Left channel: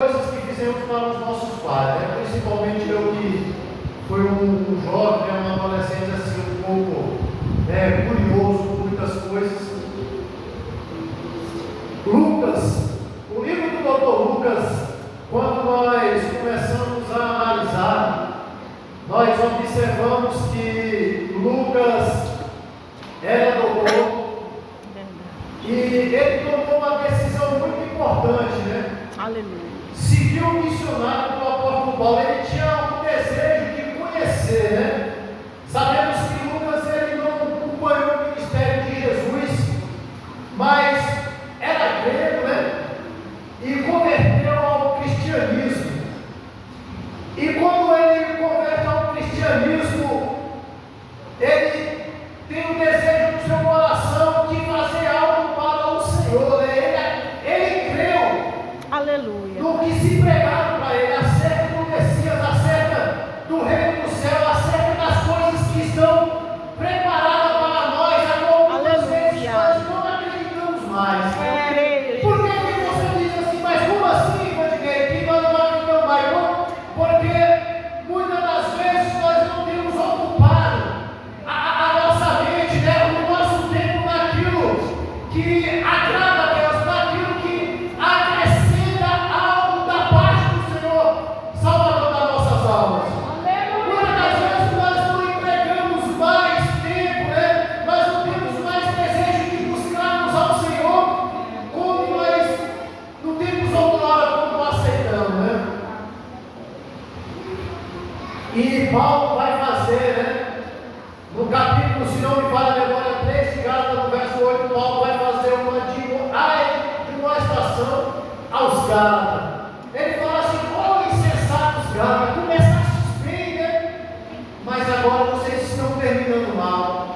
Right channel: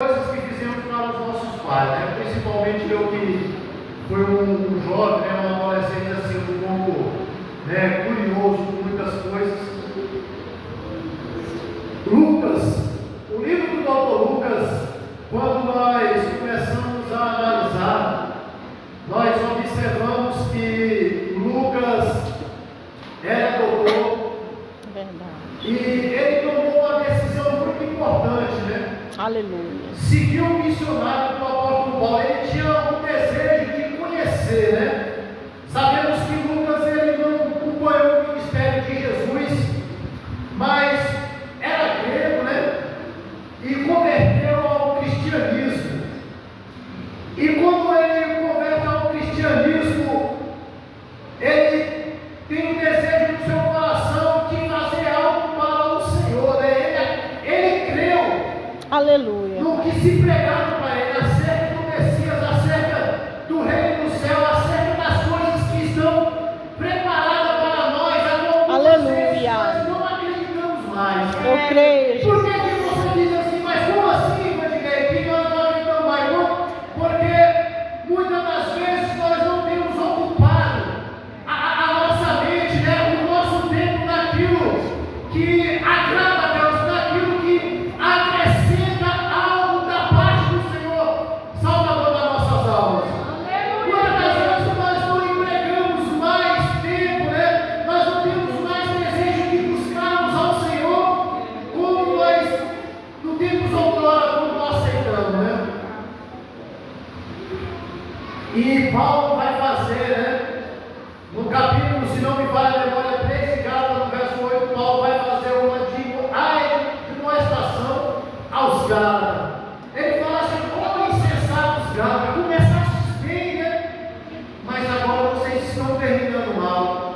coisas que fizemos para os nossos pais, né? Principalmente eu que fui um jovem, né? Um adolescente assim, um pouco curioso com muitas coisas. Lucas, o livro do Dr. Lucas, quando nós começamos a analisar, nós observamos que Lucas era doutor e ele tomou uma decisão muito importante, né? Aleluia. Seguiu o missionário do apóstolo Paulo. Ele tinha um desejo de conhecer, né? Sabemos que Lucas ele não acompanhou o ministério de Jesus, mas era grego, né? E converteu ao cristianismo. E quando ele converte ao cristianismo, ele tem o desejo no seu coração de fazer algo para o Senhor, né? Ele creu. Aleluia. No que se pregaram para ele, acerca do Messias, acerca do reino do céu, acerca das coisas que estão preparadas para nós, a muitas vezes nós não acreditamos mais. Eu creio. Por que você diz assim, mas como assim, Vandinei, que nós não acreditamos mais? Não, porque muitas das vezes nós não temos ocupado a nossa mente, né, o nosso tempo naquilo que agrada a Deus, naquilo que acrescenta algo da parte do Senhor, Salvador das nossas almas. Muitas das vezes nós não empregamos mais tempo, né? Nós não temos mais desejo de buscarmos ao Senhor como nós não temos outrora, como nós aceitamos, né? E Paulo vai fazer, né? No capítulo, se não me falha a memória, 3 de Gálatas, no verso 8, Paulo vai fazer uma admoestação aos Gálatas. Ele fala assim: ó insensatos Gálatas, começastes bem, né? Mas agora vocês estão terminando mal.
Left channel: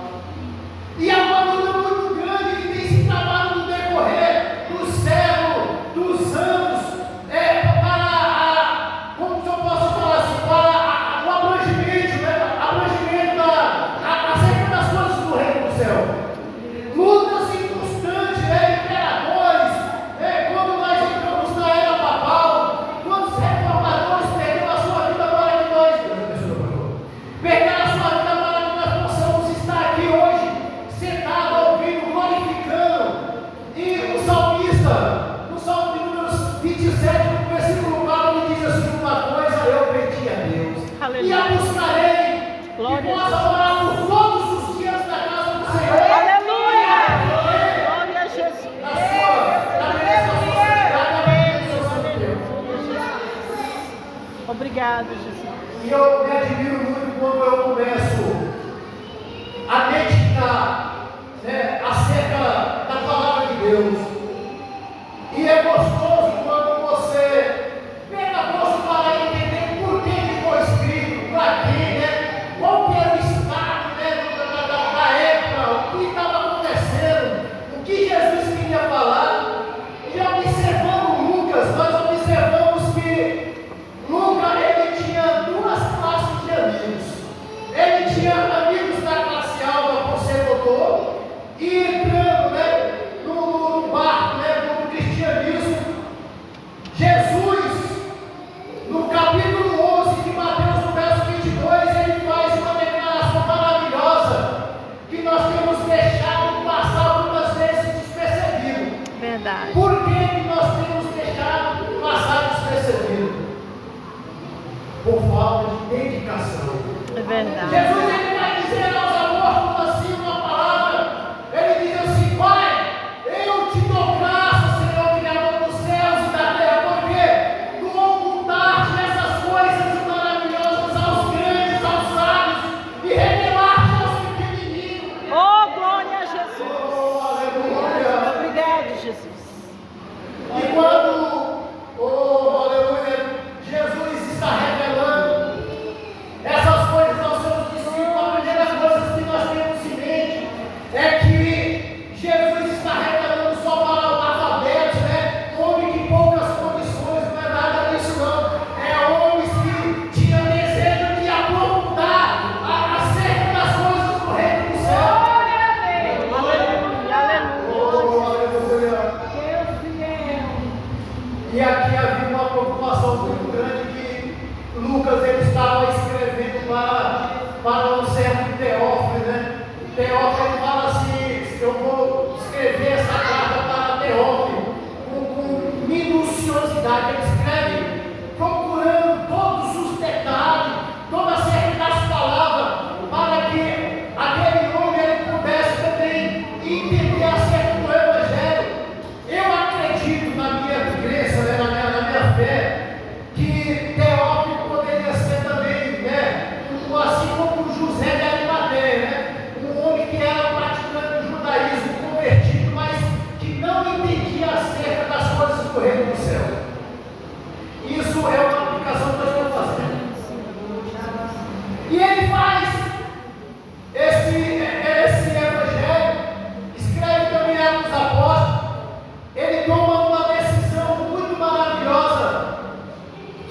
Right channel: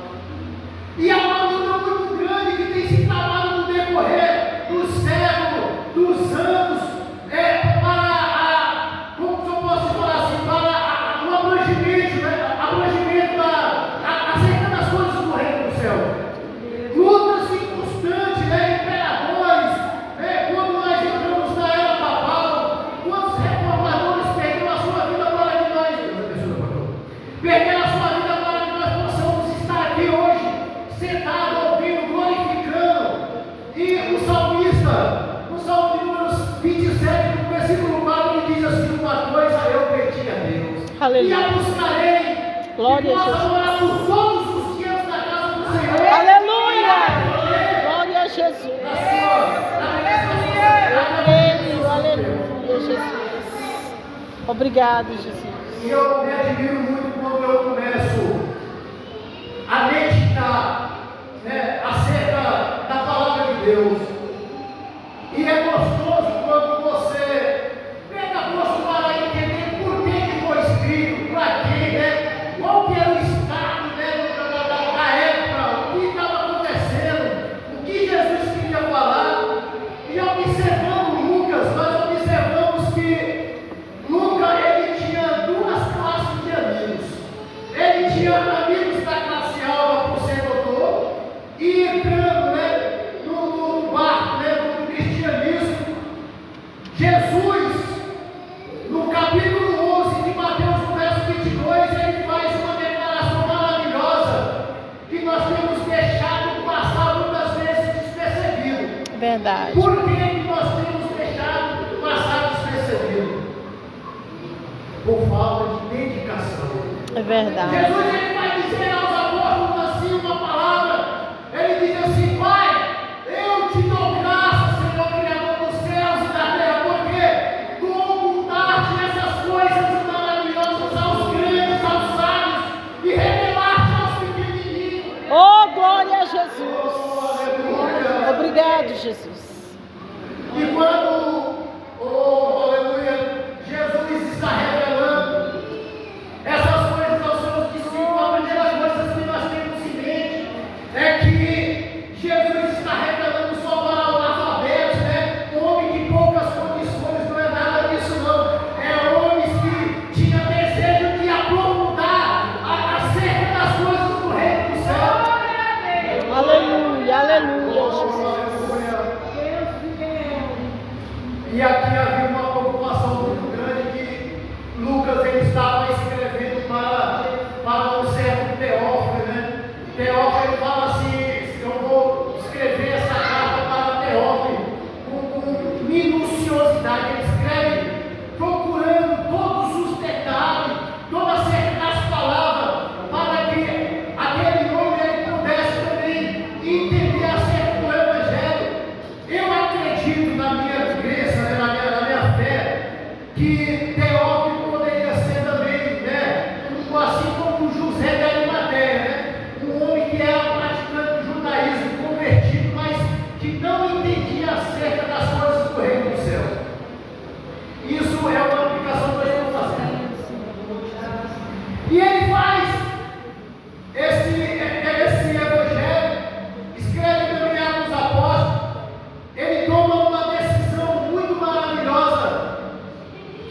E há uma luta muito grande que tem se travado no decorrer do século, dos anos, para como eu posso falar assim, para o abrangimento, né? Abrangimento acerca das coisas do reino do céu. Lutas inconstantes, imperadores, quando nós entramos na era papal, quantos reformadores perderam a sua vida para que nós perderam a sua vida para que nós possamos estar aqui hoje, sentados, ouvindo, glorificando. E o salmista, no Salmo de números 27, no versículo 4, ele diz assim: uma coisa eu pedi a Deus, Aleluia. e a buscarei, Glória e a possa Deus. morar por todos os dias na casa do Senhor. Aleluia. Glória a Jesus. Obrigado, Jesus. E eu me admiro muito quando eu começo a meditar, acerca da palavra de Deus. E é gostoso quando você pega gosto para entender por que foi escrito, para quê, né? Qual que era o estado, da época, o que estava acontecendo, o que Jesus queria falar. E observando Lucas, nós observamos que Lucas, ele tinha duas classes de amigos. Ele tinha amigos da classe alta por ser doutor, e entrando, no barco, no cristianismo. Jesus, no capítulo 11 de Mateus, no verso 22, ele faz uma declaração maravilhosa que nós temos deixado passar muitas vezes despercebido. Verdade. Por que que nós temos deixado passar despercebido? Por falta de dedicação. É verdade. Jesus ele vai dizer aos apóstolos assim uma palavra. Ele diz assim: Pai, eu te dou graça, Senhor, Criador dos céus e da terra, porque tu ocultaste essas coisas maravilhosas aos grandes, aos sábios, e revelaste aos pequenininhos. Oh, glória a Jesus. Oh, aleluia. Obrigado, Jesus. E quando, aleluia, Jesus está revelando essas coisas aos seus discípulos,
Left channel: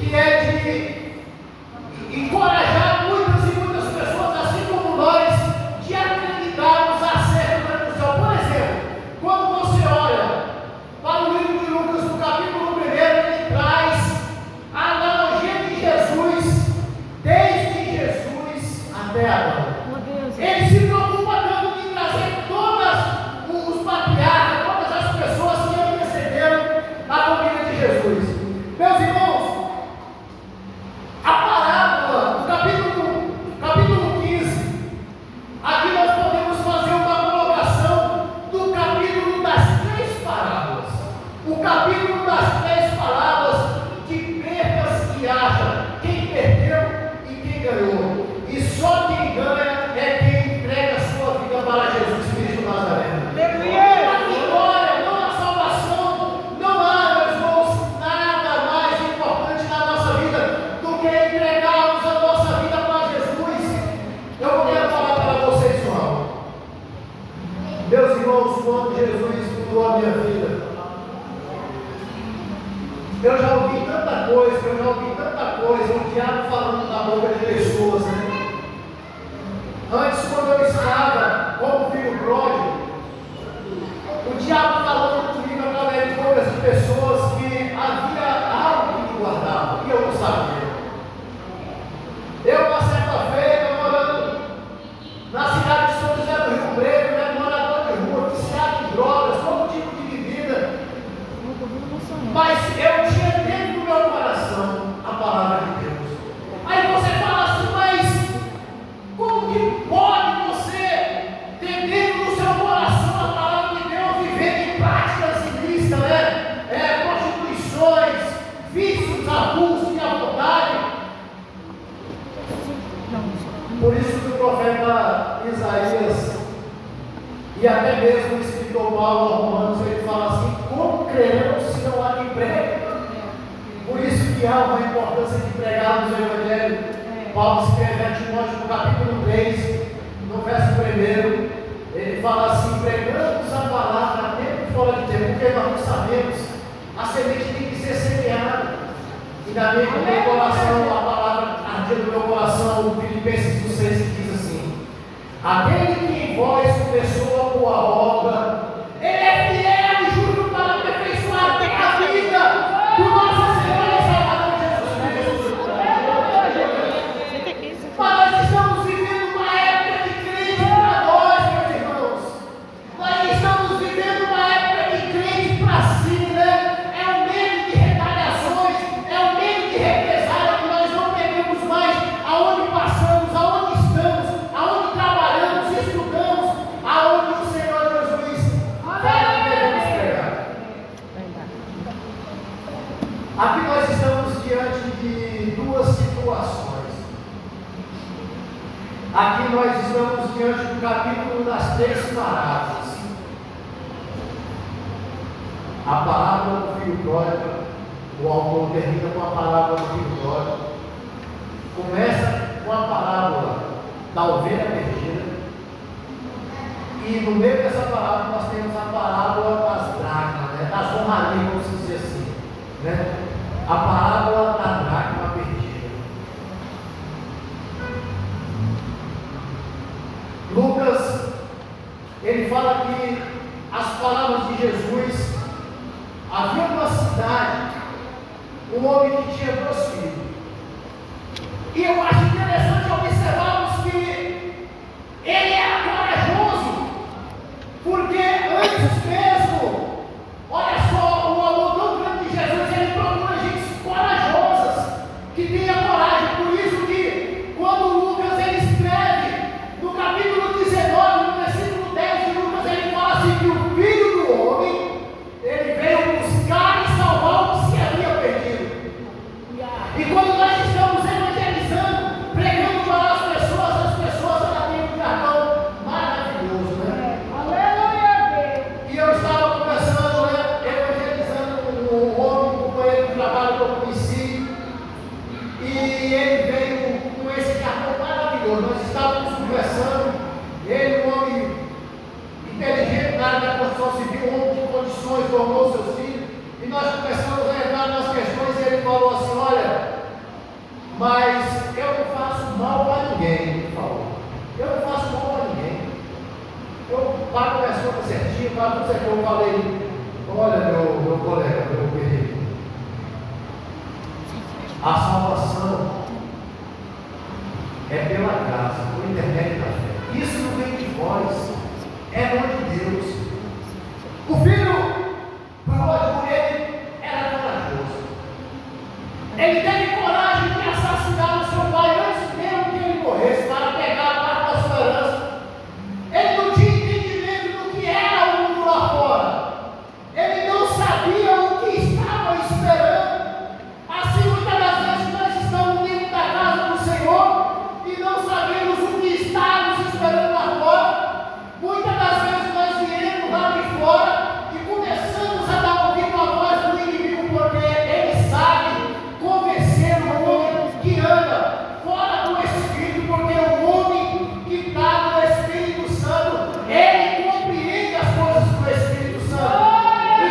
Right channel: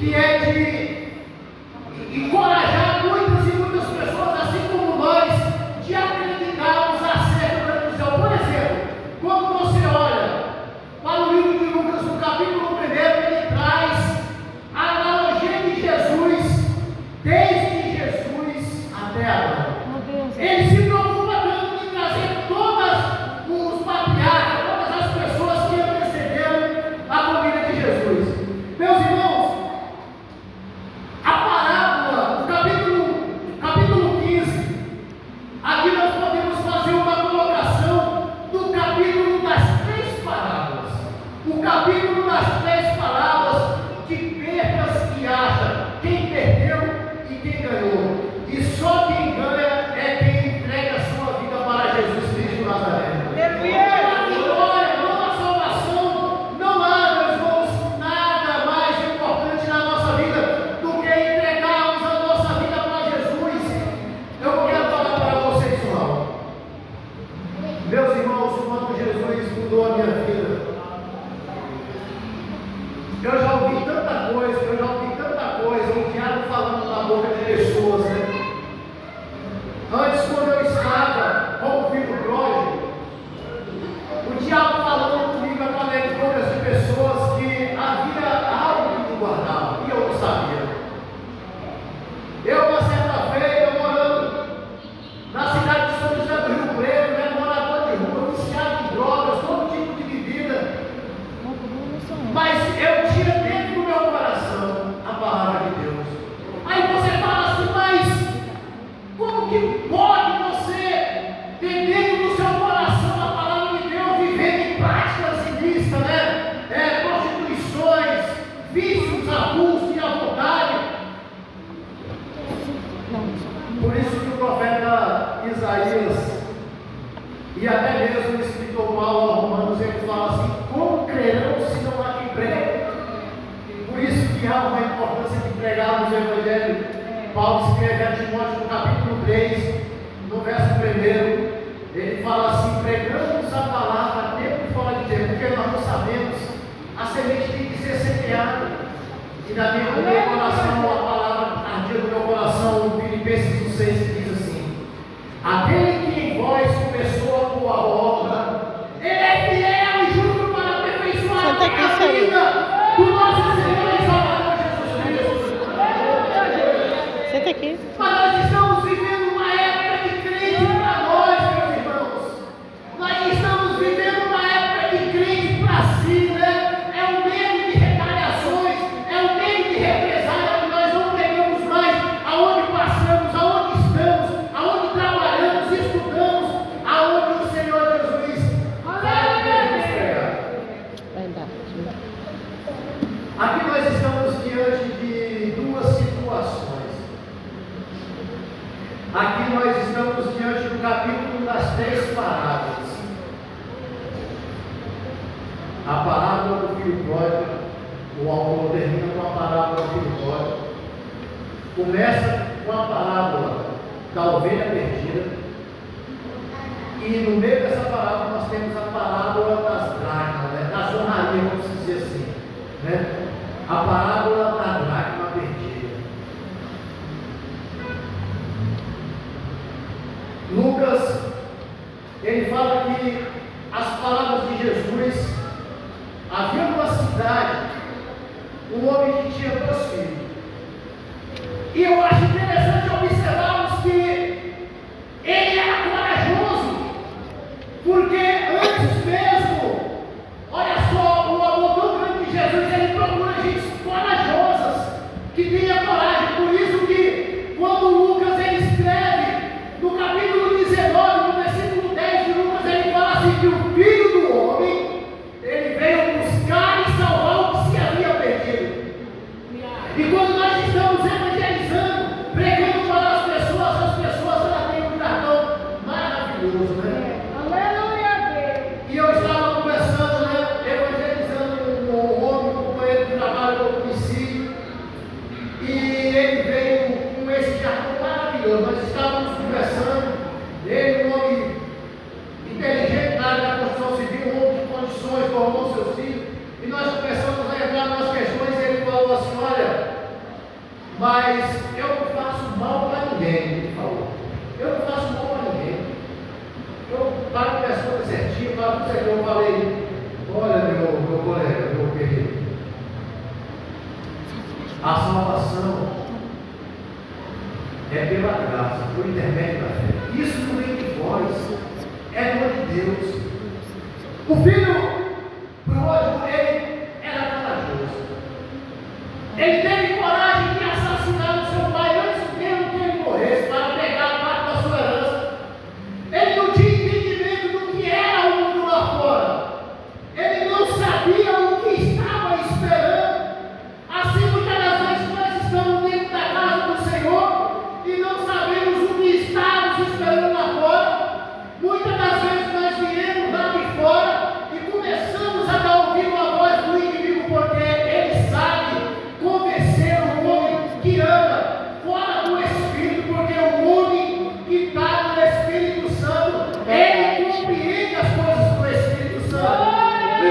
que é de encorajar muitas e muitas pessoas, assim como nós, de acreditarmos acerca do céu. Por exemplo, quando você olha para o livro de Lucas, no capítulo 1, ele traz a analogia de Jesus, desde Jesus até agora. Ele se preocupa tanto em trazer todos os patriarcas, todas as pessoas que antecederam a família de Jesus. Meus irmãos, a parábola, capítulo 15, aqui nós podemos fazer uma colocação do capítulo das 3 parábolas. O capítulo das 3 parábolas de percas e acha, quem perdeu e quem ganhou. E só quem ganha é quem entrega a sua vida para Jesus Cristo Nazareno. Meus irmãos, quando Jesus mudou a minha vida, eu já ouvi tanta coisa, o diabo falando na boca de pessoas, né? Antes, quando eu estava como filho pródigo, o diabo falando comigo através de bocas de pessoas que havia algo que me guardava, e eu não sabia. Eu, uma certa feita, morando na cidade de São José do Rio Preto, né, morador de rua, viciado em drogas, todo tipo de bebida, mas eu tinha dentro do meu coração a palavra de Deus. Aí você fala assim, mas como que pode você ter dentro do seu coração a palavra de Deus, viver em práticas ilícitas, né? Prostituições, vícios, abusos e a vontade? Por isso que o profeta Isaías e até mesmo o escritor Paulo aos Romanos, ele fala assim: como crerão se não há quem pregue? Por isso que há uma importância de pregarmos o Evangelho. Paulo escreve a Timóteo no capítulo 3, no verso 1, ele fala assim: pregamos a palavra tempo e fora de tempo, porque nós não sabemos, a semente tem que ser semeada. E no meu coração, a palavra ardia no meu coração, Filipenses 6, que diz assim: aquele que em vós começou a boa obra, ele é fiel e justo para aperfeiçoar a vida do nosso Senhor e Salvador Jesus Cristo. Mas nós estamos vivendo uma época de crente para nós, meus irmãos. Nós estamos vivendo uma época de crente para si, né? É um medo de retaliações, é um medo de represália, que nós não pegamos mais aonde passamos, aonde estamos, aonde trabalhamos, estudamos, aonde o Senhor Jesus vai nos pegar. Aqui nós estamos diante de duas situações. Aqui nós estamos diante do capítulo das 3 parábolas. A parábola do filho pródigo, o autor termina com a parábola do filho pródigo. Começa com a parábola da ovelha perdida. E no meio dessa parábola nós temos a parábola das dracmas, né? Das honrarias, vamos dizer assim, né? A parábola da dracma perdida. Lucas, ele fala que as palavras de Jesus, havia uma cidade, um homem que tinha 2 filhos. E eu acho interessante observarmos que ele era corajoso, porque antes mesmo, olha só, o amor tão grande de Jesus, ele procura gente corajosas, que tenha coragem. Por isso que quando Lucas ele escreve no capítulo 19, no versículo 10 de Lucas, ele fala assim que o Filho do Homem, ele veio buscar e salvar o que se havia perdido. E quando nós estamos evangelizando, pregando para as pessoas elas têm um cartão maravilhoso, né? Aleluia! E eu estava conversando, né, evangelizando um homem, um companheiro de trabalho que eu conheci, e ele veio com esse cartão maravilhoso. Nós estávamos conversando, ele, um homem inteligente na área da construção civil, um homem de condições, formou seus filhos, e nós começamos a entrar nas questões, e ele falou assim: olha, isso aqui, eu falei, olha meu colega, meu querido, a salvação é pela graça, por intermédio da fé. Isso não vem de vós, é dom de Deus. O filho pródigo, ele era corajoso. Ele teve coragem de assassinar o seu pai antes mesmo que ele morresse, para pegar a parte da sua herança. Ele não tinha entendimento do que era o mundo lá fora. Ele não sabia o que estava esperando. Assim, muitas das vezes nós estamos dentro da casa do Senhor e não sabemos o que estamos esperando lá fora. Muitas das vezes nós viemos lá de fora e começamos a dar ouvido à voz do inimigo, porque ele sabe convencer o homem que anda fora do Espírito, porque o homem que está no Espírito Santo, ele compreende as coisas do Espírito Santo. E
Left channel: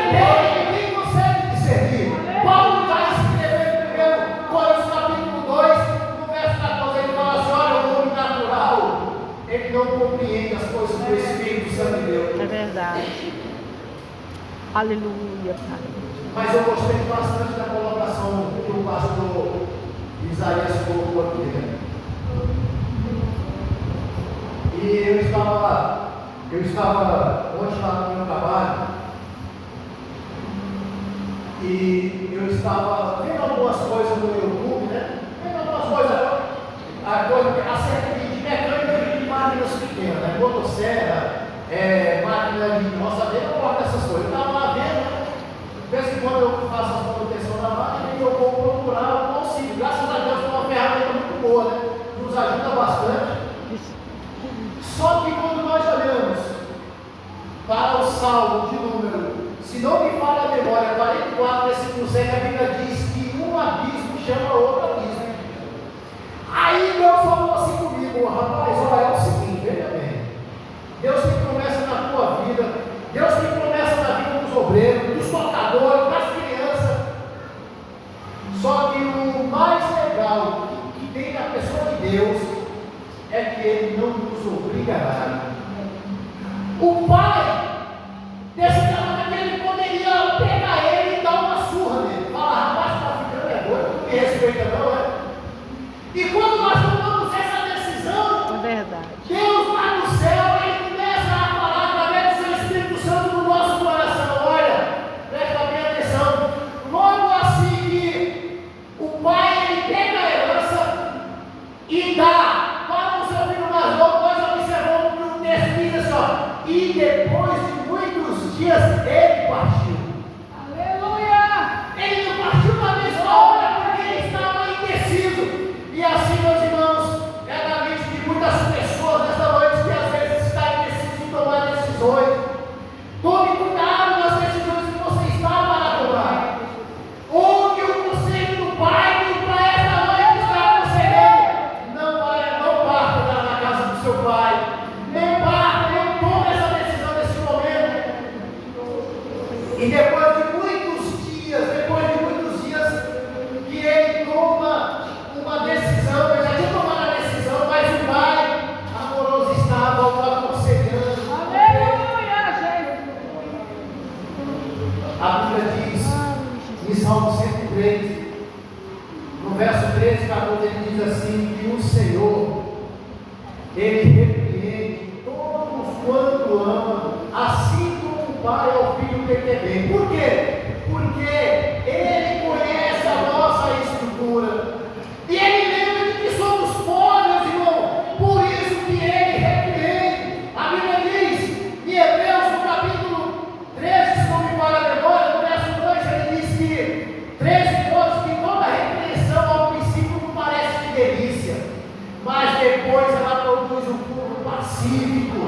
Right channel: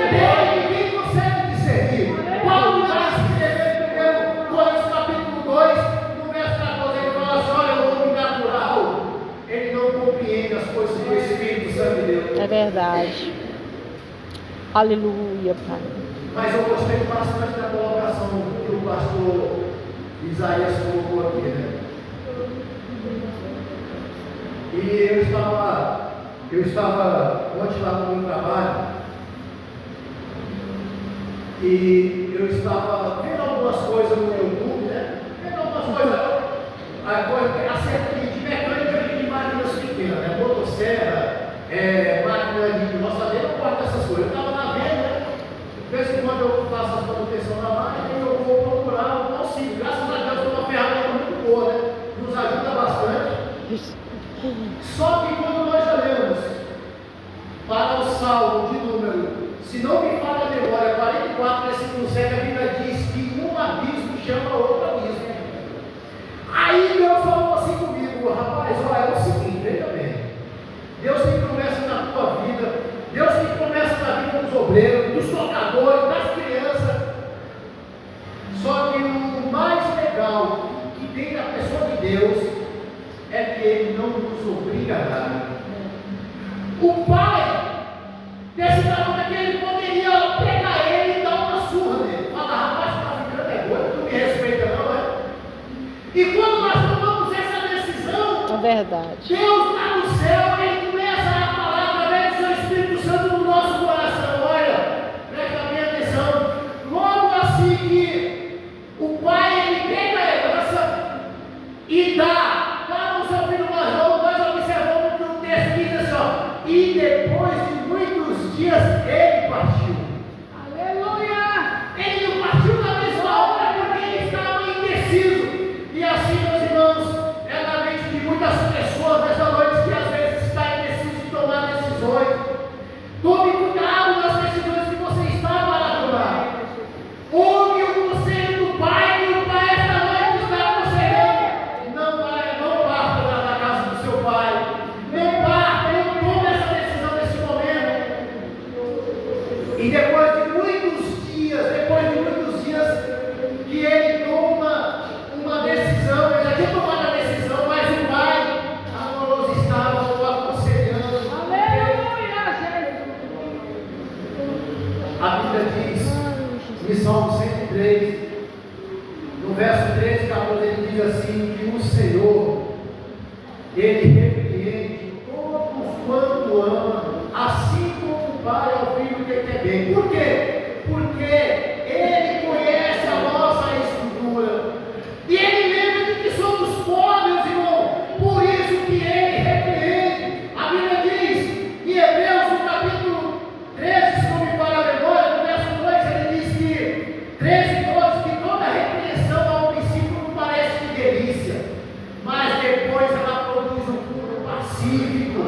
ninguém consegue discernir. Paulo vai escrever em 1 Coríntios capítulo 2, no verso 14, ele fala assim: olha, o homem natural, ele não compreende as coisas do Espírito Santo de Deus. É verdade. Aleluia, Pai. Mas eu gostei bastante da colocação que o pastor Isaías colocou aqui, né? E eu estava ontem lá no meu trabalho e eu estava vendo algumas coisas no YouTube, né? Vendo algumas coisas, acerca de mecânica de máquinas pequenas, né? Motosserra, máquina de roçadeira, eu gosto dessas coisas. Eu estava lá vendo, né? De vez em quando eu faço a manutenção da máquina e eu vou procurar um auxílio. Graças a Deus é uma ferramenta muito boa, né? Nos ajuda bastante. Só que quando nós olhamos para o Salmo de número, se não me falha a memória, 44, versículo 7, a Bíblia diz que um abismo chama outro abismo. Aí Deus falou assim comigo: rapaz, olha, é o seguinte, veja bem, Deus tem promessa na tua vida, Deus tem promessa na vida dos obreiros, dos tocadores, das crianças. Só que o mais legal que tem na pessoa de Deus é que Ele não nos obriga a nada. O Pai desse tamanho que Ele poderia pegar ele e dar uma surra nele. Falar: rapaz, está ficando doido, tu me respeita não, é? E quando nós tomamos essa decisão, É verdade. Deus lá no céu, Ele começa a falar através do seu Espírito Santo no nosso coração. Olha, presta bem atenção. Logo assim que o Pai, Ele pega a herança e dá para o seu filho mais novo, nós observamos que o texto diz assim, ó: e depois de muitos dias ele partiu. Aleluia! Ele não partiu na mesma hora porque ele estava indeciso. E assim, meus irmãos, é na mente de muitas pessoas nesta noite que às vezes está indeciso de tomar decisões. Tome cuidado nas decisões que você está para tomar. Ouve o conselho do Pai, que o Pai esta noite está aconselhando. Não parta da casa do seu Pai. Não parta, não tome essa decisão nesse momento. E depois de muitos dias que ele toma uma decisão, ele já tinha tomado a decisão, mas o Pai amoroso estava o aconselhando. Aleluia, a Bíblia diz, em Salmo 103, no verso 13 e 14, ele diz assim: que o Senhor, Ele repreende todos quanto ama, assim como o Pai ao Filho que quer bem. Por quê? Porque Ele conhece a nossa estrutura. E Ele lembra de que somos pobres, irmão. Por isso que Ele repreende. A Bíblia diz, em Hebreus, no capítulo 13, se não me falha a memória, no verso 2, ele diz que 13, 12, que toda repreensão ao princípio não parece de delícia, mas depois ela produz um fruto pacífico,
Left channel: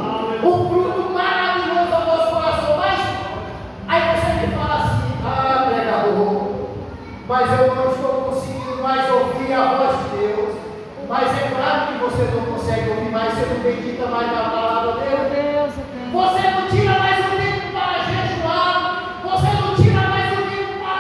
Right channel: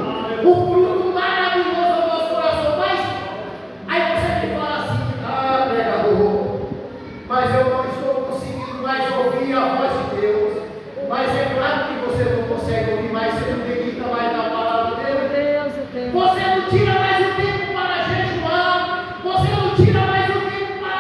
um fruto maravilhoso ao nosso coração. Mas aí você me fala assim: ah, pregador, mas eu não estou conseguindo mais ouvir a voz de Deus. Mas é claro que você não consegue ouvir mais, você não medita mais na palavra dele. Você não tira mais o tempo para jejuar, você não tira mais o tempo para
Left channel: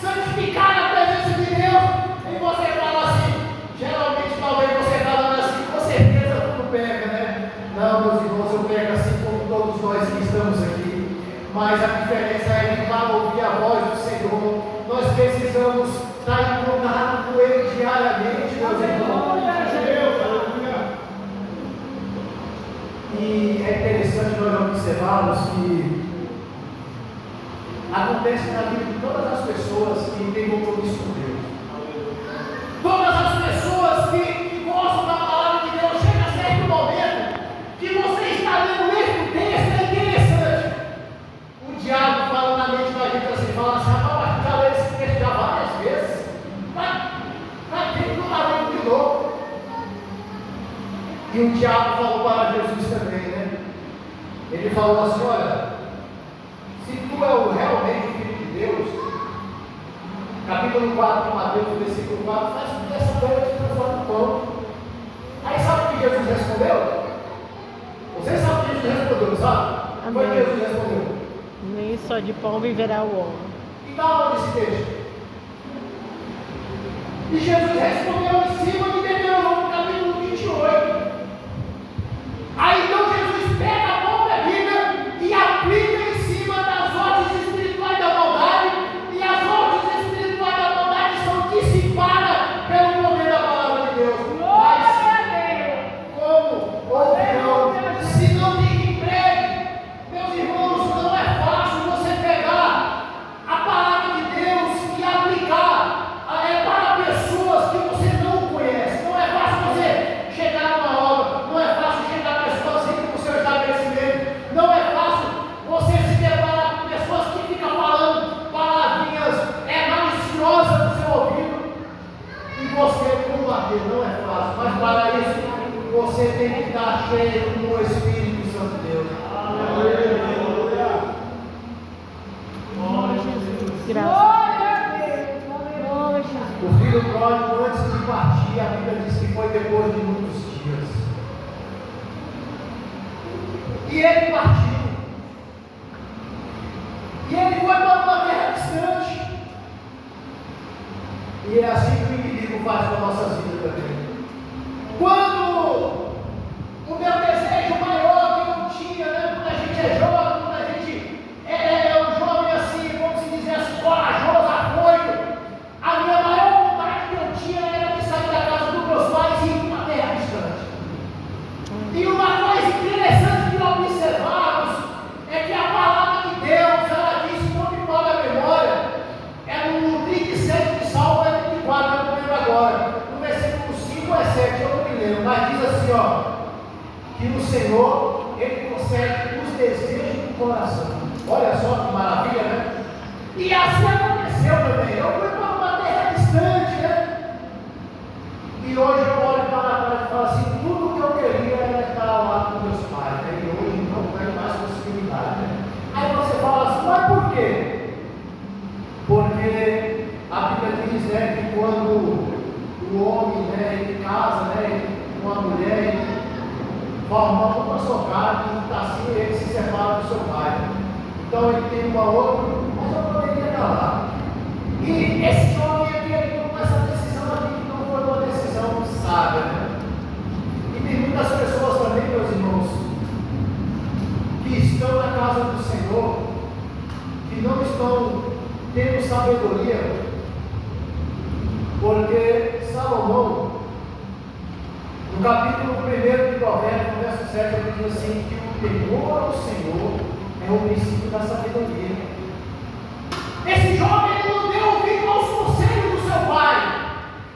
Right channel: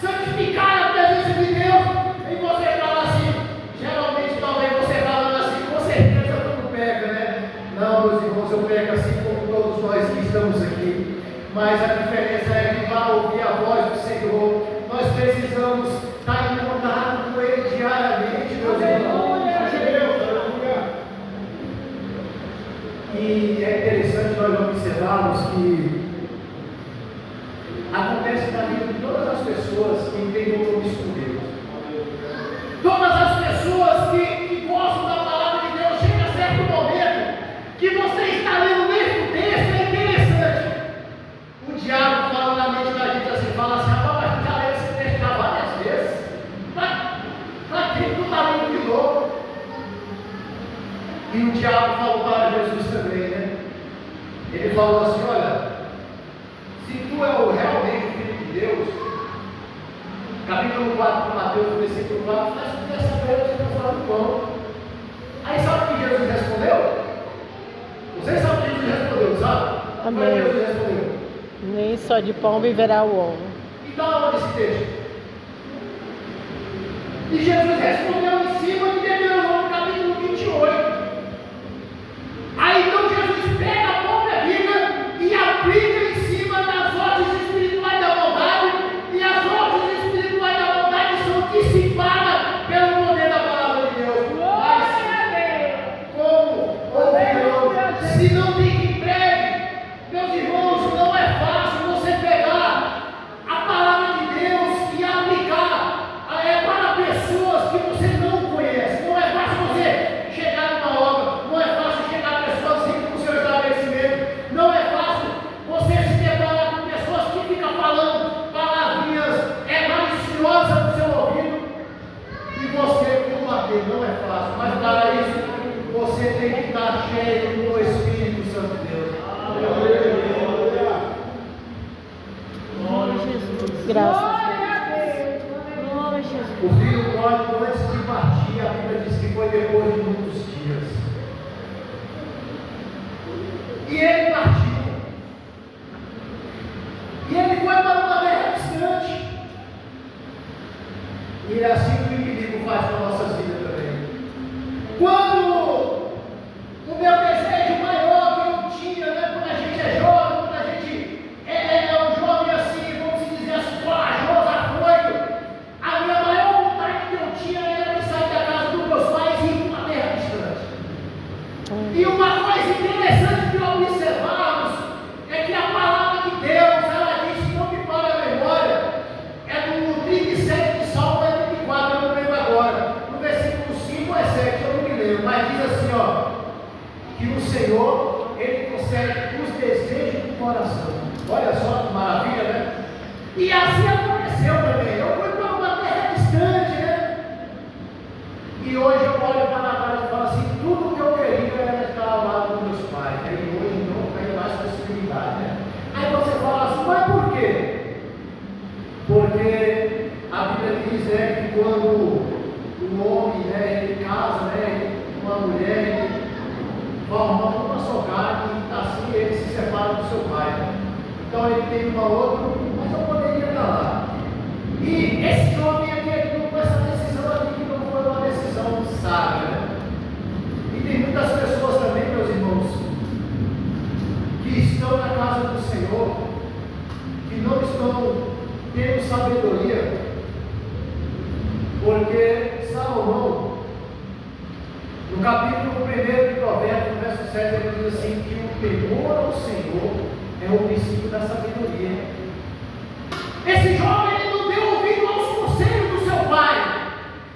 santificar a presença de Deus. E você fala assim, geralmente talvez você falando assim, com certeza tudo pega, né? Não, meus irmãos, eu pego assim como todos nós que estamos aqui. mas a diferença é que para ouvir a voz do Senhor, nós precisamos estar em contato com Ele diariamente, meus irmãos. E é interessante nós observarmos que acontece na vida de todas as pessoas que têm compromisso com Deus. Todas as pessoas que gostam da palavra de Deus, chega a certo momento que você está lendo o mesmo texto, é interessante. O diabo fala na mente da gente assim, fala assim, rapaz, mas já leu esse texto já várias vezes. Está dentro do marido de novo. E o diabo falou para Jesus também, né? Ele falou assim, olha, se tu é realmente o Filho de Deus, capítulo 4 de Mateus, versículo 4, faz com que essa pedra se transforme em pão. Aí sabe o que Jesus respondeu? Vocês sabem o que Jesus respondeu, sabe? Como é que Jesus respondeu? Nem só de pão viverá o homem. Então, olha esse texto. E Jesus respondeu em cima de Deuteronômio, capítulo 28. Aí então Jesus pega a própria Bíblia e aplica em cima das ordens espirituais da maldade, e as ordens espirituais da maldade são dissipadas pelo poder da palavra de Deus. Mas como ouvirão se não tem quem pregue? Meus irmãos, não é fácil você pegar a palavra de Deus e aplicar para pessoas que você não conhece. Não é fácil você chegar numa obra, não é fácil chegar a pessoas sempre com o seu estabelecimento, não é fácil você se deparar com pessoas que ficam falando palavrinhas maliciosas no seu ouvido e você combater. Não é fácil, mas para isso você tem que estar cheio do Espírito Santo de Deus. Glória a Jesus. Graças a Deus. Glória a Jesus. O filho pródigo, antes de partir, a Bíblia diz que foi depois de muitos dias. E ele partiu. E ele foi para uma terra distante. E é assim que o inimigo faz com a nossa vida também. Quando o meu desejo maior que eu tinha, né, quando a gente é jovem, quando a gente é um jovem assim, vamos dizer assim, corajoso, afoito, a minha maior vontade que eu tinha era de sair da casa dos meus pais e ir para uma terra distante. E uma coisa interessante que observamos é que a palavra de Deus, ela diz, não me falha a memória, é no 37 de Salmo, é 34, eu não lembro agora, no versículo 5 é 7, eu não me lembro, mas diz assim, ó, que no Senhor, Ele concede os desejos do coração. Olha só que maravilha, né? E assim aconteceu também. Eu fui para uma terra distante, né? E hoje eu olho para a terra e falo assim, tudo que eu queria era estar lá com meus pais, né? E hoje não tenho mais possibilidade, né? Aí você fala assim, mas por quê? Porque a Bíblia diz, né, que quando o homem, né, ele casa, né, com uma mulher, ele forma uma só carne, e assim ele se separa do seu pai, né? Então ele tem uma outra, mas eu poderia estar lá. E esse jovem aqui, ele tomou essa decisão aqui, que não foi uma decisão sábia, né? E tem muitas pessoas também, meus irmãos, que estão na casa do Senhor, que não estão tendo sabedoria, porque Salomão, no capítulo 1 de Provérbios, no verso 7, ele diz assim, que o temor ao Senhor é o princípio da sabedoria. Esse jovem, ele não deu ouvido aos conselhos do seu pai.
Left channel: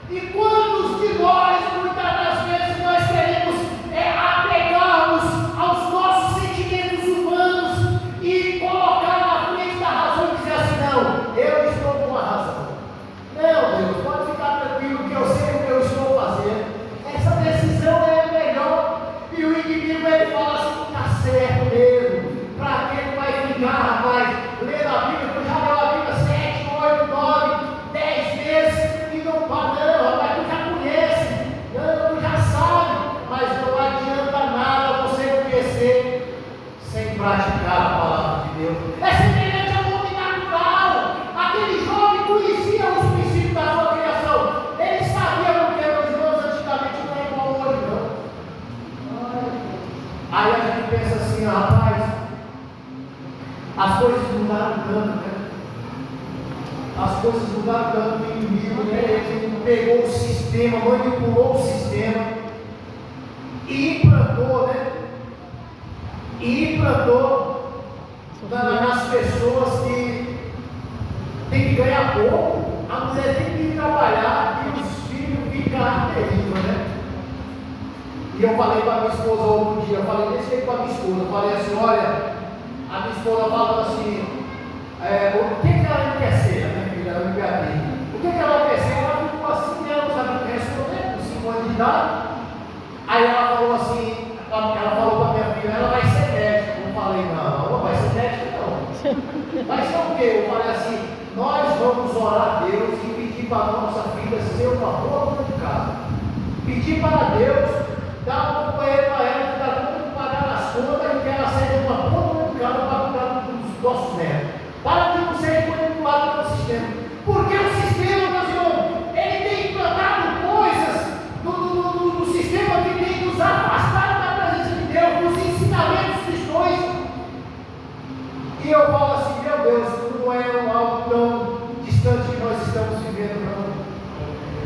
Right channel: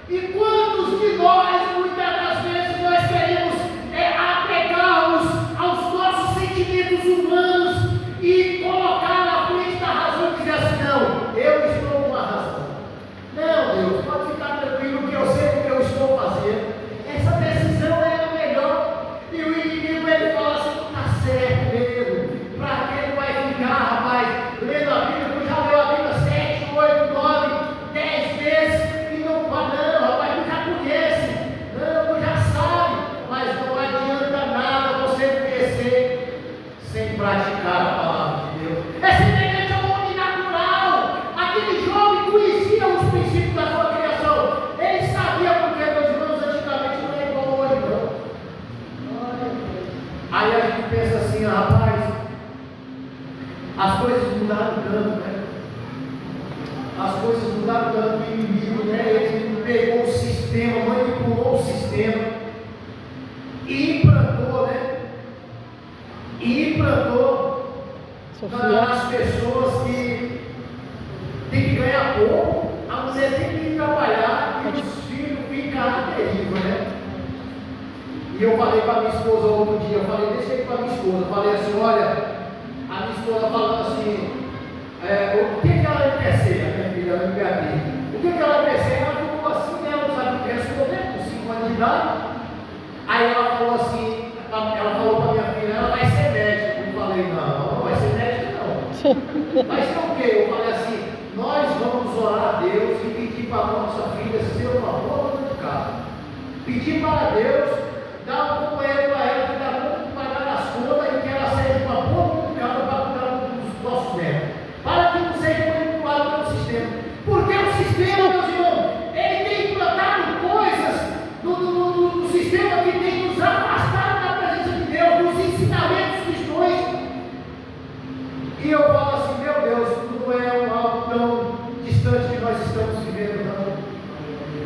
E quantos de nós, muitas das vezes, nós queremos apegar-nos aos nossos sentimentos humanos e colocar na frente da razão e dizer assim, não, eu estou com a razão. Não, Deus, pode ficar tranquilo que eu sei o que eu estou fazendo. Essa decisão é a melhor. E o inimigo, ele fala assim, está certo mesmo. Para que ele vai ficar, rapaz, lendo a Bíblia, eu já leu a Bíblia 7, sistema, manipulou o sistema e implantou, né? E implantou nas pessoas que tem que ganhar pouco, a mulher tem que ir trabalhar e os filhos ficam à deriva, né? E eu falei para a minha esposa outro dia, eu falei desse jeito para a minha esposa, eu falei assim, olha, a minha esposa falou assim, o que ela quer ser, a minha filha, a minha filha? O que ela quer ser? Ela ficou assim, ela não sabe responder, com 5 anos de idade. Aí ela falou assim, ela falou para a minha filha, ela vai ser médica. Eu falei, não, não vai ser médica não. Vai ser o quê? Eu falei assim, nós vamos orar a Deus e pedir para a nossa filha ser uma boa dona de casa. Pedir para Deus, dar um companheiro para ela que dá conta de pagar as contas e que ela seja uma boa dona de casa para cuidar dos nossos netos. Para que não seja manipulado pelo sistema. Porque o sistema, meus irmãos, ele tem implantado coisas no sistema que tem nos afastado da presença de Deus, dos ensinamentos cristãos. E eu falo assim, meu Deus, não é algo tão distante que nós estamos vivendo, não.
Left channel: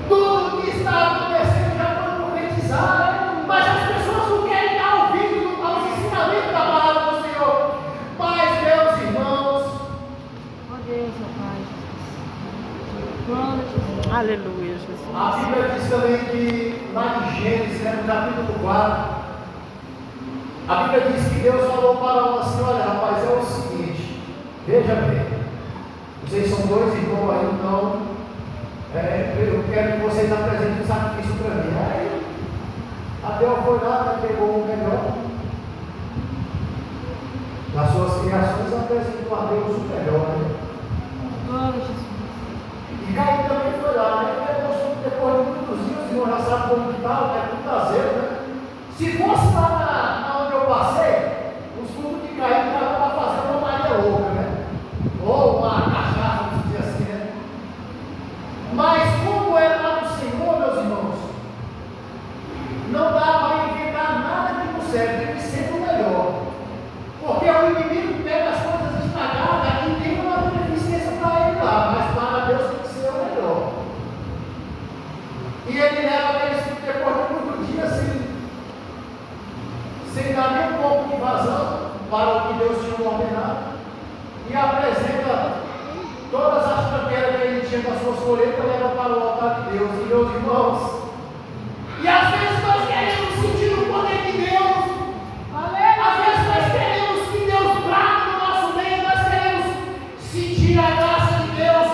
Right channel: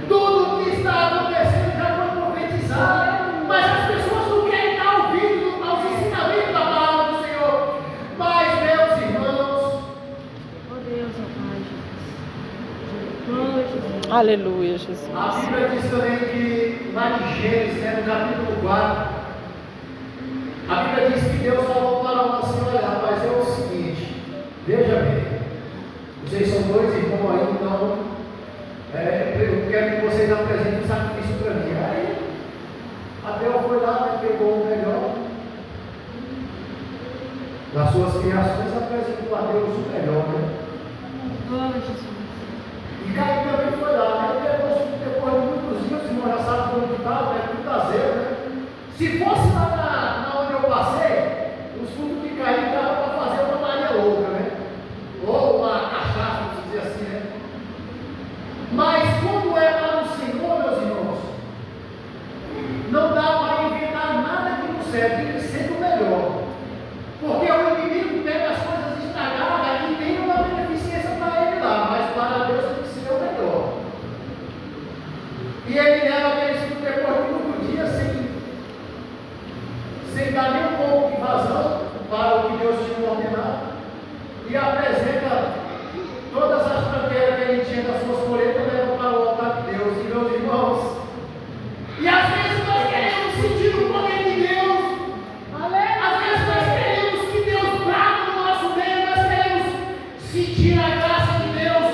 Tudo que está acontecendo já foi profetizado, mas as pessoas não querem dar ouvido aos ensinamentos da palavra do Senhor. Mas, meus irmãos, Oh Deus, oh Pai, Jesus. Glória a Jesus. Aleluia, Jesus. a Bíblia diz também que lá em Gênesis, no capítulo 4, a Bíblia diz que Deus falou para uma assim, olha rapaz, é o seguinte, veja bem, vocês são 2 irmãos aí, então eu quero que vocês apresentem um sacrifício para mim. Aí Abel foi lá, né, pegou o melhor das suas criações, apresentou a Deus o melhor, né? Glória a Jesus. E Caim também foi lá, né? Depois de muitos dias, o senhor já sabe como que está, é tudo caseiro, né? Se fosse lá na onde eu passei, os fundos de Caim estavam para fazer uma Maria louca, né? Ou uma cachaça, vamos dizer assim, né? Mas como é para o Senhor, meus irmãos, não dá para inventar nada que não serve, tem que ser o melhor. Porque o inimigo pega as coisas estragadas e tem uma beneficência para ele lá, mas para Deus tem que ser o melhor. E ele leva aqueles filhos depois de muito dia sem dar nem um pouco de vazão para o que Deus tinha ordenado, e apresenta todas as tranqueiras que ele tinha das suas colheitas, leva para o altar de Deus. E meus irmãos, e às vezes nós queremos sentir o poder de Deus, às vezes nós queremos que Deus brade no nosso meio, nós queremos sentir a graça de Deus,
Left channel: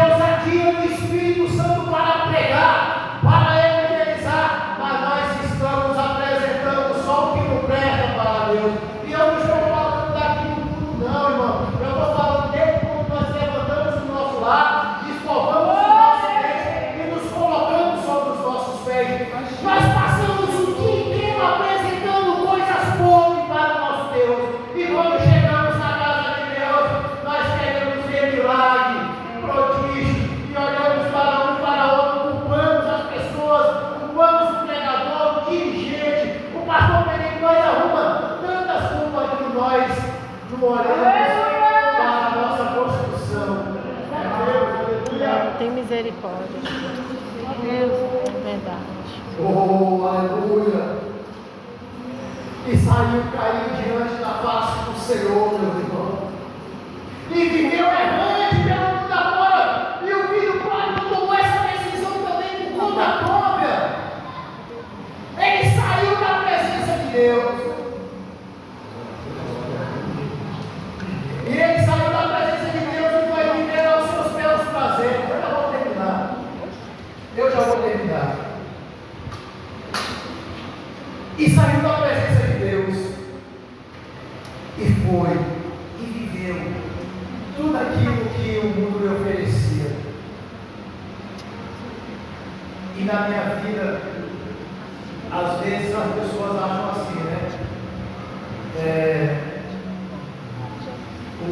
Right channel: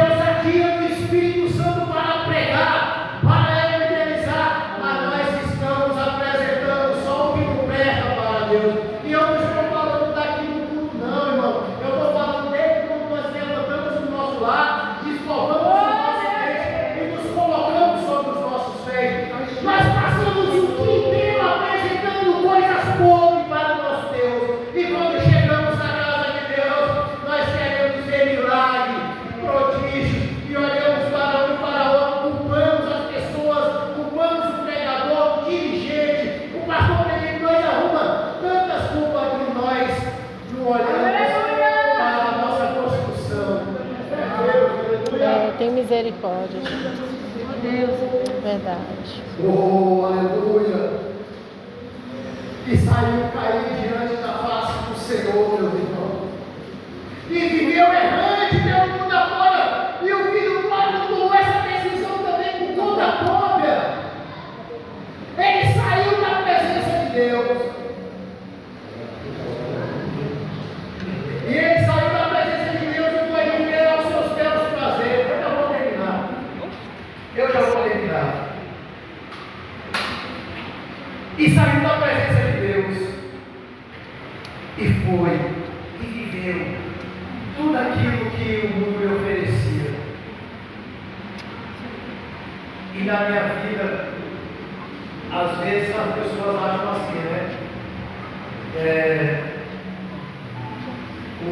ousadia do Espírito Santo para pregar, para evangelizar, mas nós estamos apresentando só o que não presta para Deus. E eu não estou falando daqui no mundo, não, irmão. Eu estou falando desde quando nós levantamos o nosso lar, descovamos os nossos pés e nos colocamos sobre os nossos pés. Nós passamos o dia inteiro apresentando coisas boas para o nosso Deus. E quando chegamos na casa de Deus, nós queremos ver milagre, prodígio, e olhamos para um e para outro, culpamos as pessoas, culpamos o pregador, o dirigente, o pastor pequeno, nós arrumamos tantas culpas que nós não olhamos para a nossa construção. Aleluia. Tem misericórdia, Jesus. Oh Deus, verdade. Oh, aleluia! E saiu cair diante da face do Senhor, meu irmão. E viveu errante pelo mundo afora. E o filho pródigo tomou essa decisão também por conta própria. Ele saiu da presença de Deus. E ele saiu da presença de Deus e foi viver aos seus belos prazeres. Eu já vou terminar. E saiu da presença de Deus. E foi. E viveu tudo aquilo que o mundo lhe oferecia. E na minha vida, às vezes as pessoas acham assim, né? O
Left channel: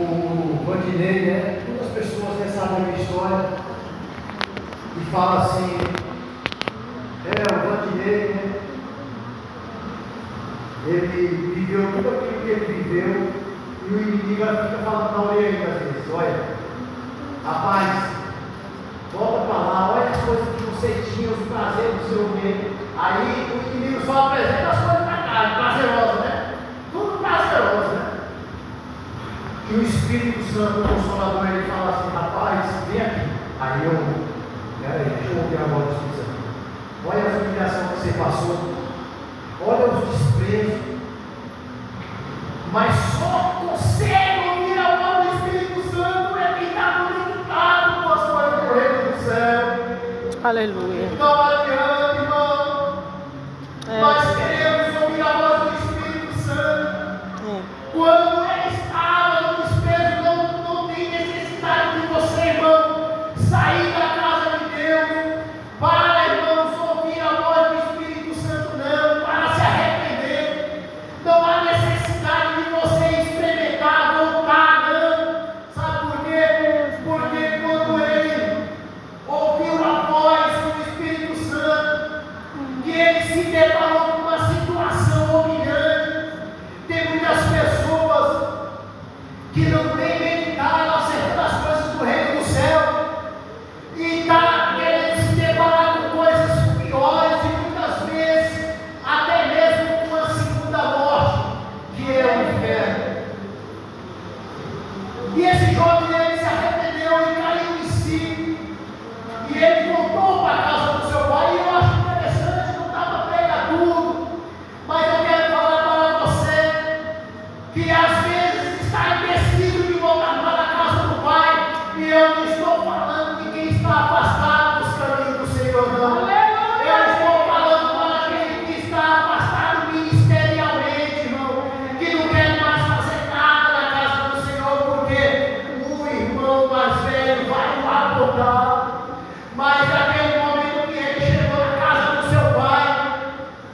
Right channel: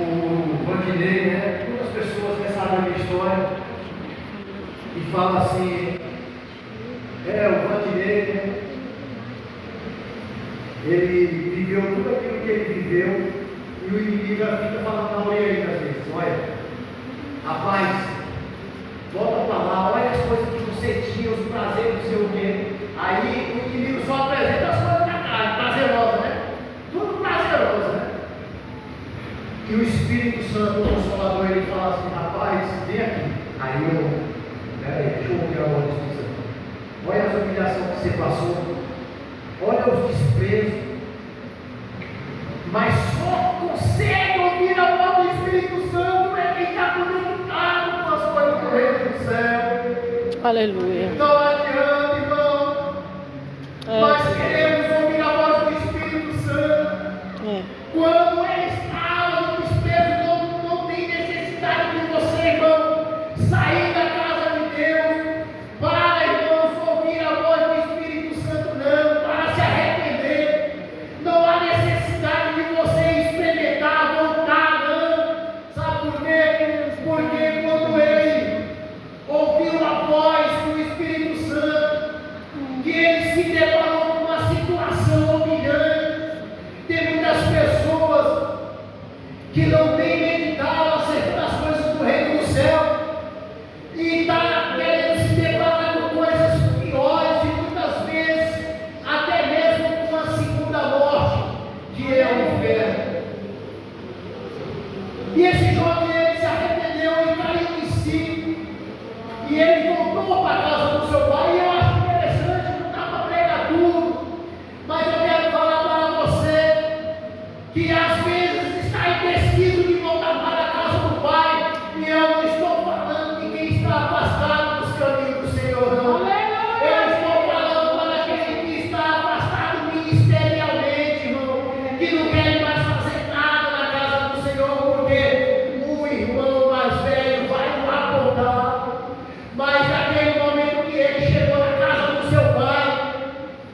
Vandinei, né? Muitas pessoas sabem a minha história e falam assim, o Vandinei, né? Ele viveu tudo aquilo que ele viveu e o inimigo fica falando na orelha aí às vezes, olha, rapaz, volta para lá, olha as coisas que você tinha, os prazeres Aí o inimigo só apresenta as coisas na carne, prazerosas, né? Tudo prazeroso, né? E o Espírito Santo, o Consolador, ele fala assim: rapaz, vem aqui. Aí peraí, deixa eu ouvir a voz do Espírito Santo. Olha as humilhações que você passou, olha os desprezos, mas só consegue ouvir a voz do Espírito Santo é quem está conectado com as coisas do reino do céu. Aleluia. Não adianta, irmão. Nós queremos ouvir a voz do Espírito Santo. Quando ele estava no desespero, não tem necessidade de você, irmão, sair da casa de Deus para, irmãos, ouvir a voz do Espírito Santo, não, para se arrepender. Não há necessidade de você experimentar, voltar, não. Sabe por quê? Porque quando ele ouviu a voz do Espírito Santo, que ele se deparou com uma situação humilhante. Tem muitas pessoas que não têm meditado acerca das coisas do reino do céu e está querendo se deparar com coisas piores e muitas vezes até mesmo com a segunda morte, que é o inferno. E esse jovem, ele se arrependeu e caiu em si, e ele voltou para a casa do seu pai. E eu acho interessante, não estava pregador, mas eu quero falar para você que às vezes está indeciso de voltar para a casa do pai, e eu não estou falando de quem está afastado dos caminhos do Senhor, não. Eu estou falando para aquele que está afastado ministerialmente, irmão, que não quer mais fazer nada na casa do Senhor, porque o irmão mais velho vai o apontar. Mas naquele momento que ele chegou na casa do seu pai,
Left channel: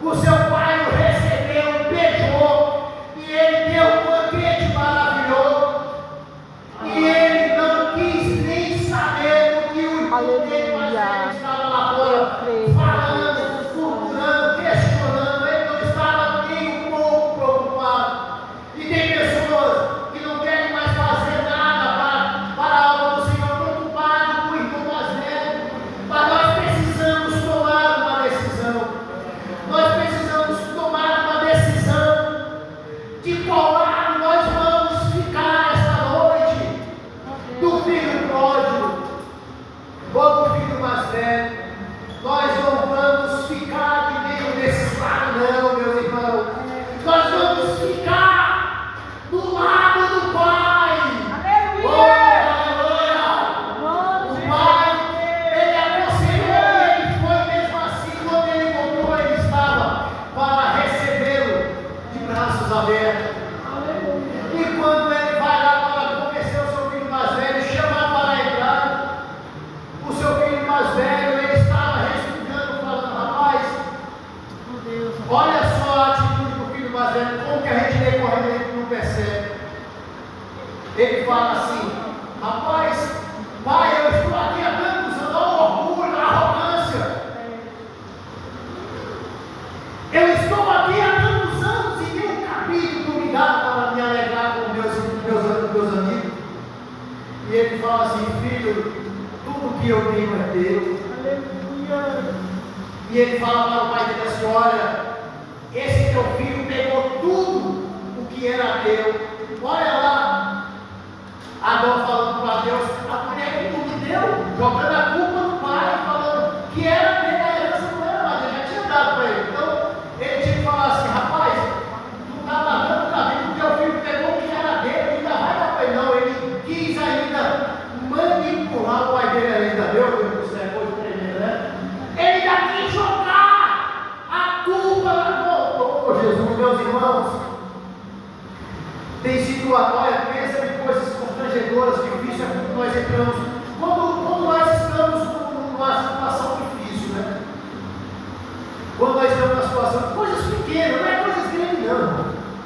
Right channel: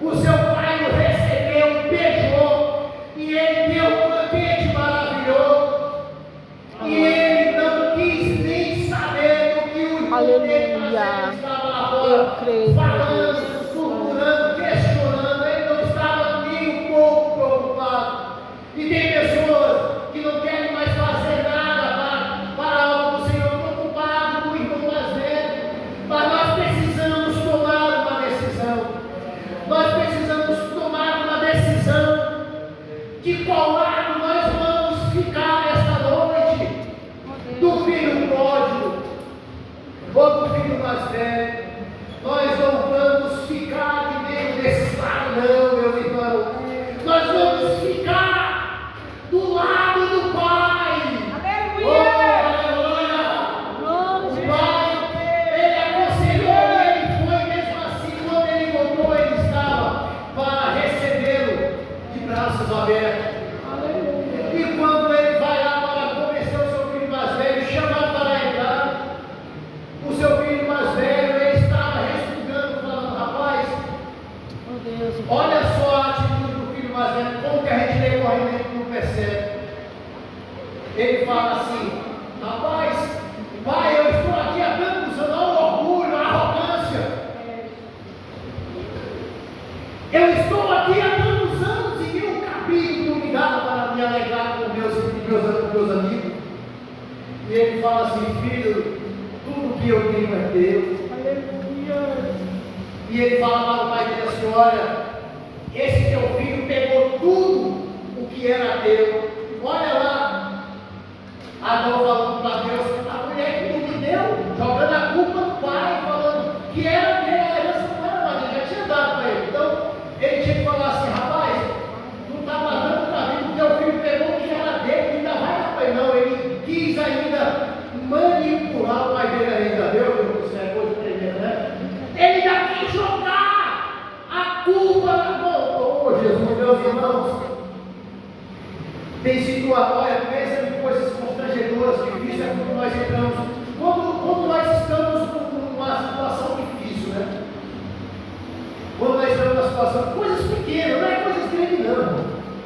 o seu pai o recebeu, beijou, e ele deu um banquete maravilhoso, e ele não quis nem saber do que o irmão dele mais velho estava lá fora, falando, furtando, questionando. Ele não estava nem um pouco preocupado. E tem pessoas que não querem mais fazer nada para a obra do Senhor, preocupado com o irmão mais velho. Mas nós precisamos tomar uma decisão. Nós precisamos tomar uma decisão de qual lado nós vamos ficar esta noite, do filho pródigo ou do filho mais velho. Nós não vamos ficar de meio desses lados, não, meus irmãos. Nós vamos ficar do lado do Pai. Aleluia! O Pai, ele aconselhou e ele foi mesmo assim. Quando ele voltou, ele estava para recebê-lo de braços abertos. E quando ele vai lá para convencer o seu filho mais velho, chamar para entrar, o seu filho mais velho, ele estava respingando, falando: rapaz, olha só a atitude do filho mais velho, como que a gente lê correndo, a gente não percebe. Ele fala assim: rapaz, pai, eu estou aqui há tantos anos, olha o orgulho, a arrogância. Eu estou aqui há tantos anos e tenho um capítulo me dado para me alegrar com meus amigos. E ele fala assim: filho, tudo que eu tenho é teu. E ele fala para o pai dele assim: olha, esse teu filho pegou tudo o que era teu. Olha lá, Adão falando para Deus: a mulher que não me deu, jogando a culpa no pai, falando que era dele, a herança não era mais, ele já tinha dado para ele. Então ele tinha que falar assim: rapaz, não está lavando o cabelo, teu filho pegou o que era dele, ainda vai dar para ele. Não, ele quis ainda manipular o pai dele ainda, meu Deus do céu, coisa tremenda, né? Ele ainda quis jogar a culpa na mão. Jesus, meus irmãos, tem situações, olha, pensa em coisas constrangedoras, difíceis, é quando nós entramos, quando nós estamos numa situação difícil, né? Quando nós estamos numa situação, coisas pequenas, não é coisas grandes não,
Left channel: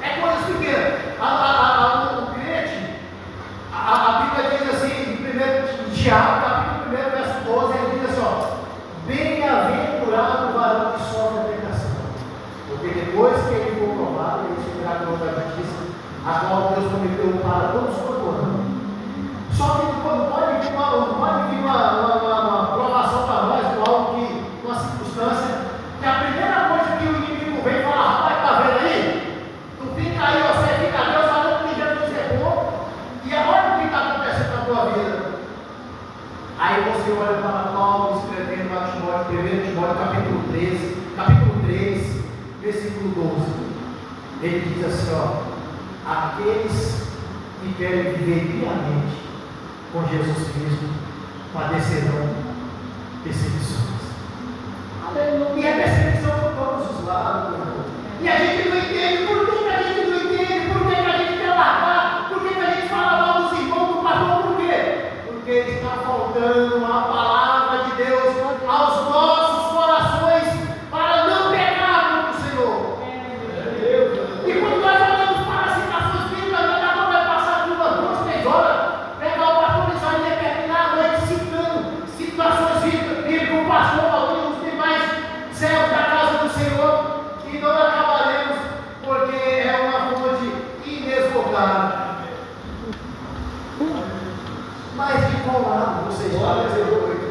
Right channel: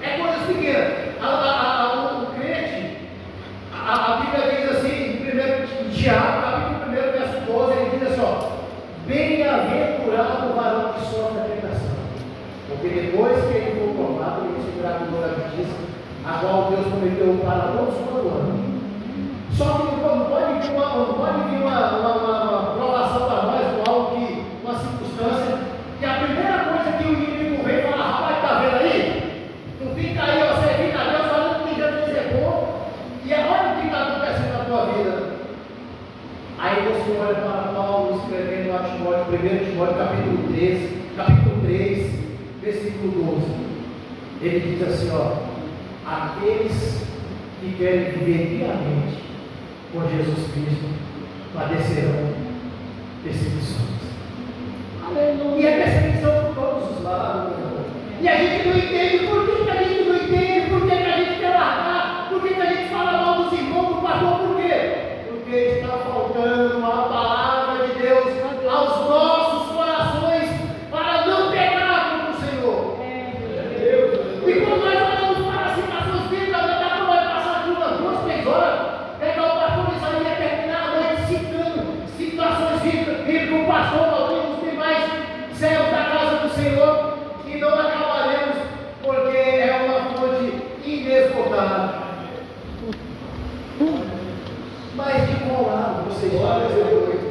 é coisas pequenas. O crente, a Bíblia diz assim, em Tiago, capítulo 1, verso 12, ele diz assim: ó, bem-aventurado o varão que sofre a tentação, porque depois que ele for provado, ele será glória da justiça, a qual Deus prometeu para todos quanto amam. Só que não pode vir uma provação para nós, com algo que, uma circunstância, que a primeira Timóteo capítulo 3, versículo 12. Ele diz assim, ó: aqueles que querem viver piamente com Jesus Cristo padecerão perseguições. E é perseguição por todos os lados, meu irmão. E a gente não entende. Por que a gente não entende? Por que a gente quer largar? Por que a gente fala mal dos irmãos, do pastor? Por quê? Porque está faltando a palavra de Deus aos nossos corações para não pecar contra o Senhor. E quando nós olhamos para as situações bíblicas, nós vai passar de umas 2, 3 horas, pegar o pastor Isaías e terminar a noite citando situações bíblicas, o pastor alguns dos demais servos da casa do Senhor, e não acabaremos, porque é uma fonte inesgotável. Mas de qual lado você está nessa noite?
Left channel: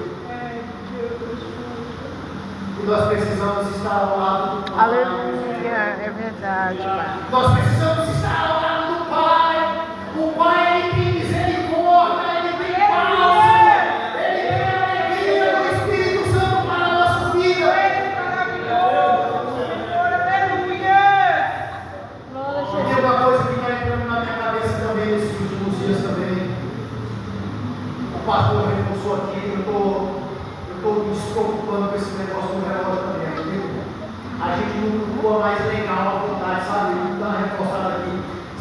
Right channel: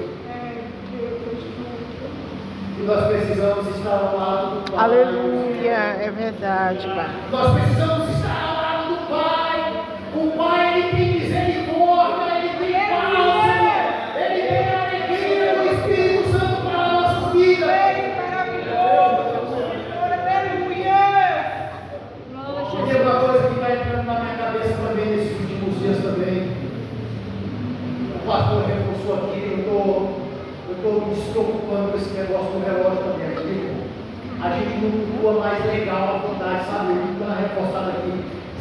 E nós precisamos estar ao lado do Pai. Aleluia, é verdade, Pai. Nós precisamos estar ao lado do Pai. O Pai, Ele tem misericórdia, Ele tem paz, Ele tem a alegria do Espírito Santo para a nossa vida. E uma coisa que está entrando na minha cabeça também nesses últimos dias também. O pastor reforçou aqui, eu estou me preocupando com esse negócio do relógio também. A gente não voa mais legal à vontade, sabe? Ele está reforçado aqui.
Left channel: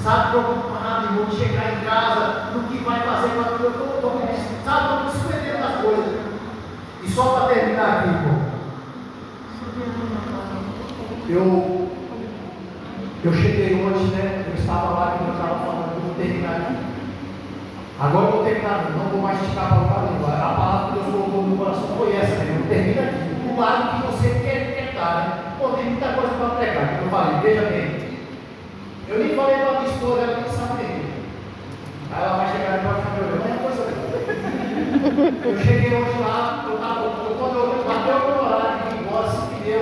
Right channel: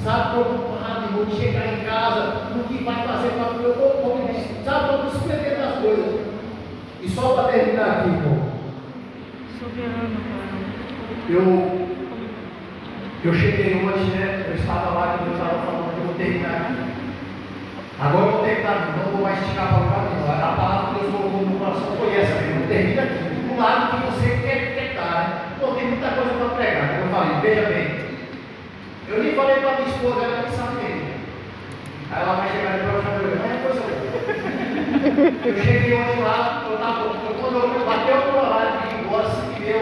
Sabe, preocupado em não chegar em casa, no que vai fazer com a vida. Estou me surpreendendo das coisas. E só para terminar aqui, irmão. Eu cheguei hoje, né? Eu estava lá que eu estava falando que eu vou terminar aqui. Agora eu vou terminar, não vou mais esticar para o caminho. A palavra que Deus colocou no meu coração foi essa, irmão. Termina aqui. Do lado que você quer estar, né? Pô, tem muita coisa para pregar. Como eu falei, veja bem. Eu nem falei para minha esposa, ela nem sabe mesmo. Aí ela vai chegar depois e vai falar, mas é coisa. Eu cheguei